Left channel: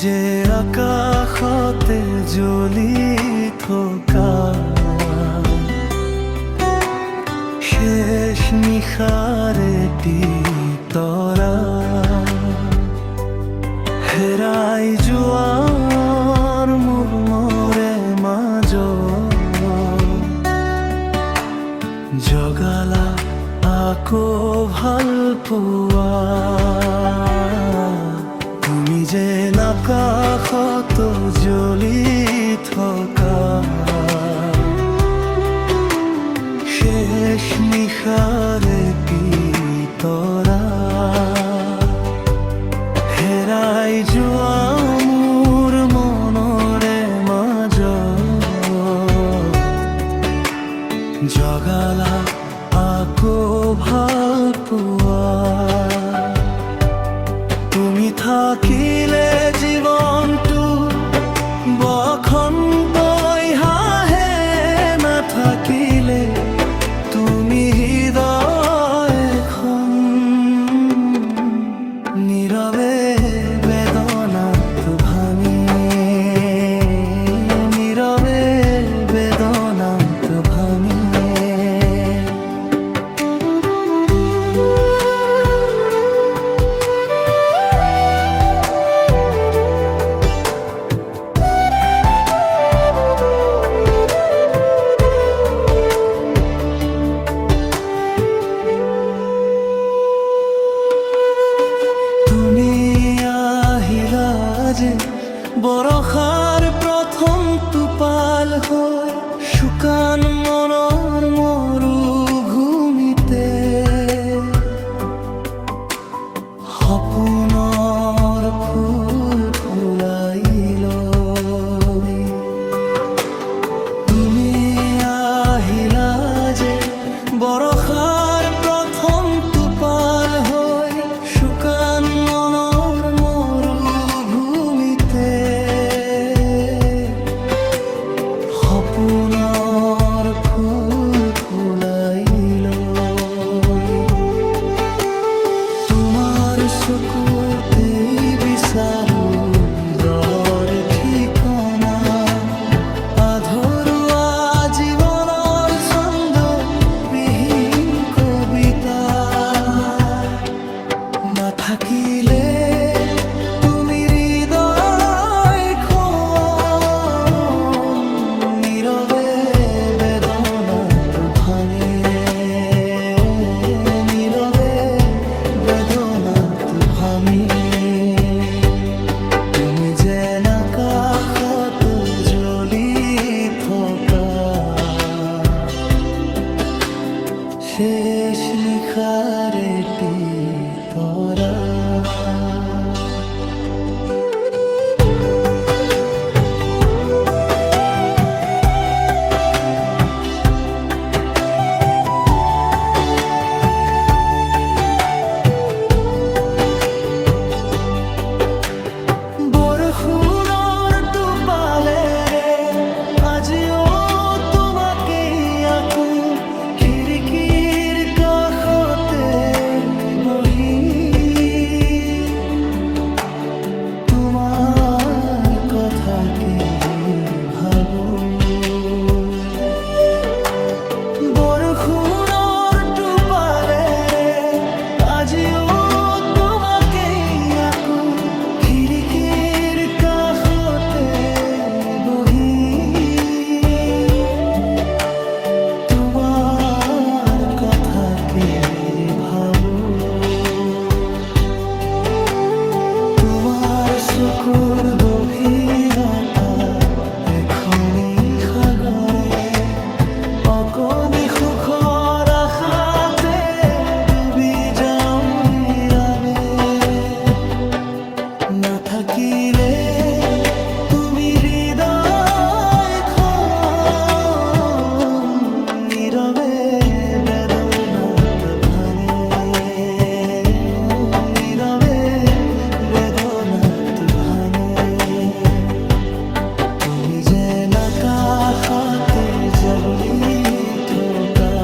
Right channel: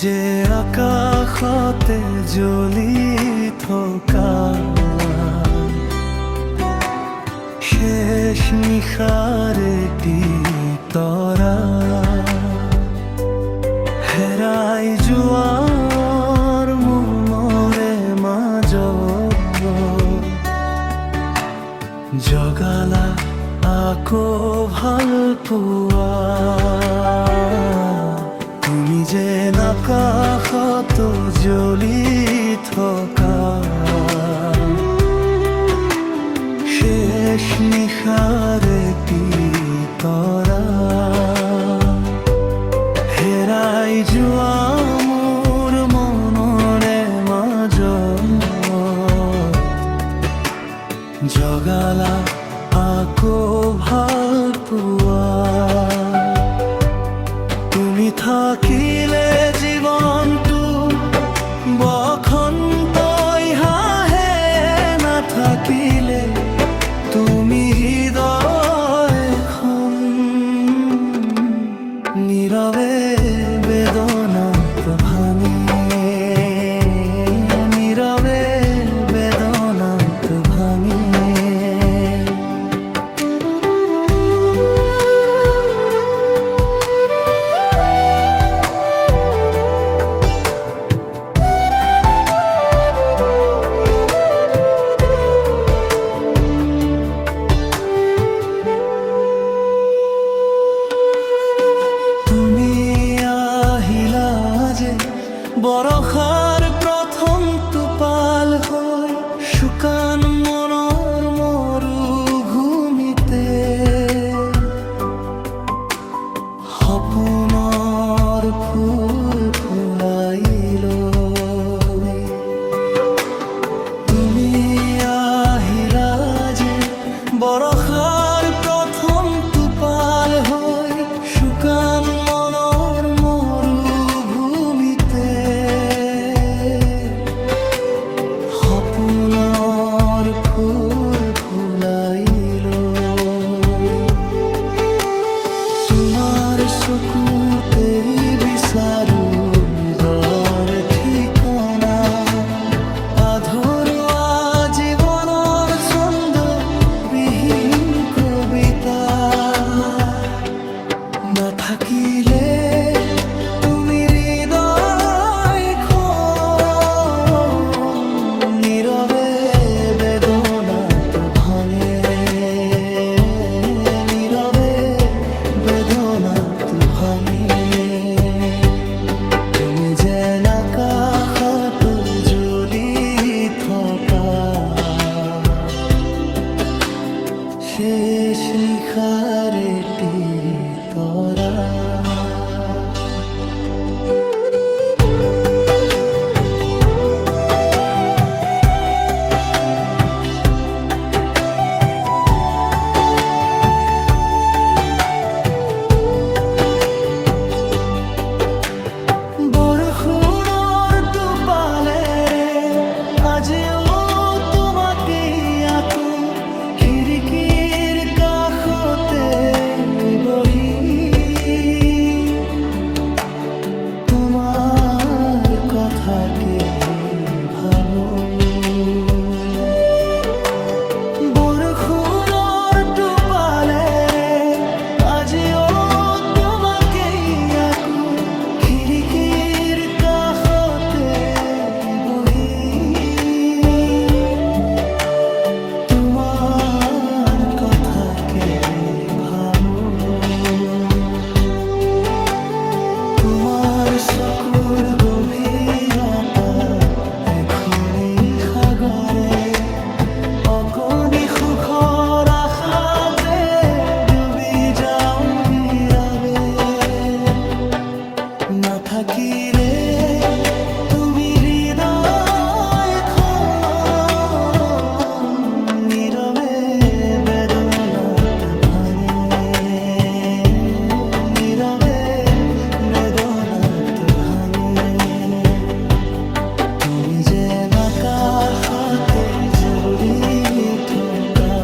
যে আকাশতে জ্বলি থকা শেষ নিশাৰ এটি তৰা, হেৰাই যোৱাৰ মোৰ মৰে মাজত জগালা আকৌ ভাল পোৱা। তুমি যেন আকাশত জ্বলি থকা শেষ নিশাৰ এটি তৰা, হেৰাই যোৱা মোৰ মনৰে মাজত জগালা আকৌ ভাল পোৱা। তুমি থাকিলে জীৱনটো বসন্তই হাঁহে, নাথাকিলে তুমি হৃদয়খন নীৰৱে বেদনাত ভাঙে, নীৰৱে বেদনাত ভাঙে। যে বৰষাৰ প্ৰথম টোপাল হৈ শুকান মনৰ মৰুভূমিতে সপোনৰ ফুল ফুলাইল। তুমি আহিলা যে বৰষাৰ প্ৰথম টোপাল হৈ শুকান মনৰ মৰুভূমিতে সপোনৰ ফুল ফুলাইল। তোমাৰ চকুতেই বিচাৰো হৃদয়ৰ ঠিকনা, আধৰুৱা জীৱনৰ ছন্দ বিহীন কবিতা। নাথাকিলে তুমি হৃদয়খন নীৰৱে বেদনাত ভাঙে, নীৰৱে বেদনাত ভাঙে। তুমি যেন আকাশত জ্বলি থকা শেষ নিশাৰ এটি তৰা। বৰষুণৰ টোপালেৰে আজিও তোমাকেই আকো খিৰিকীৰ কাষতে বহি তোমাৰ কথাকে ভাবো। বৰষুণৰ টোপালেৰে আজিও তোমাকেই আকো খিৰিকীৰ কাষতে বহি কথাকে ভাবো। তোমাৰ চকুৰ গভীৰতা এখনি সাগৰে অকণি সুখৰ আশাতে ডুবি যাওঁ নীৰৱে। নাথাকিলে তুমি হৃদয়খন নীৰৱে বেদনাত ভাঙে, নীৰৱে বেদনাত ভাঙে। তুমি যেন আকাশতে জ্বলি থকা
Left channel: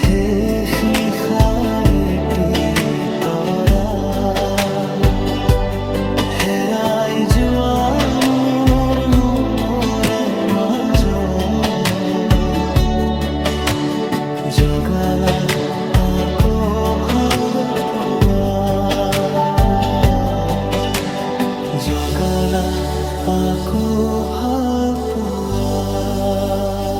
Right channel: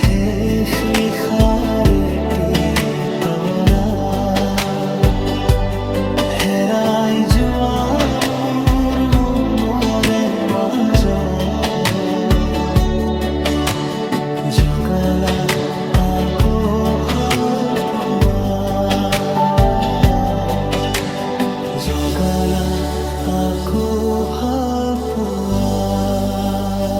শেষ নিশাৰ এটি তৰা। হেৰাই যোৱা মোৰ মনৰে মাজত জগালা আকৌ ভাল পোৱা, জগালা আকৌ ভাল পোৱা।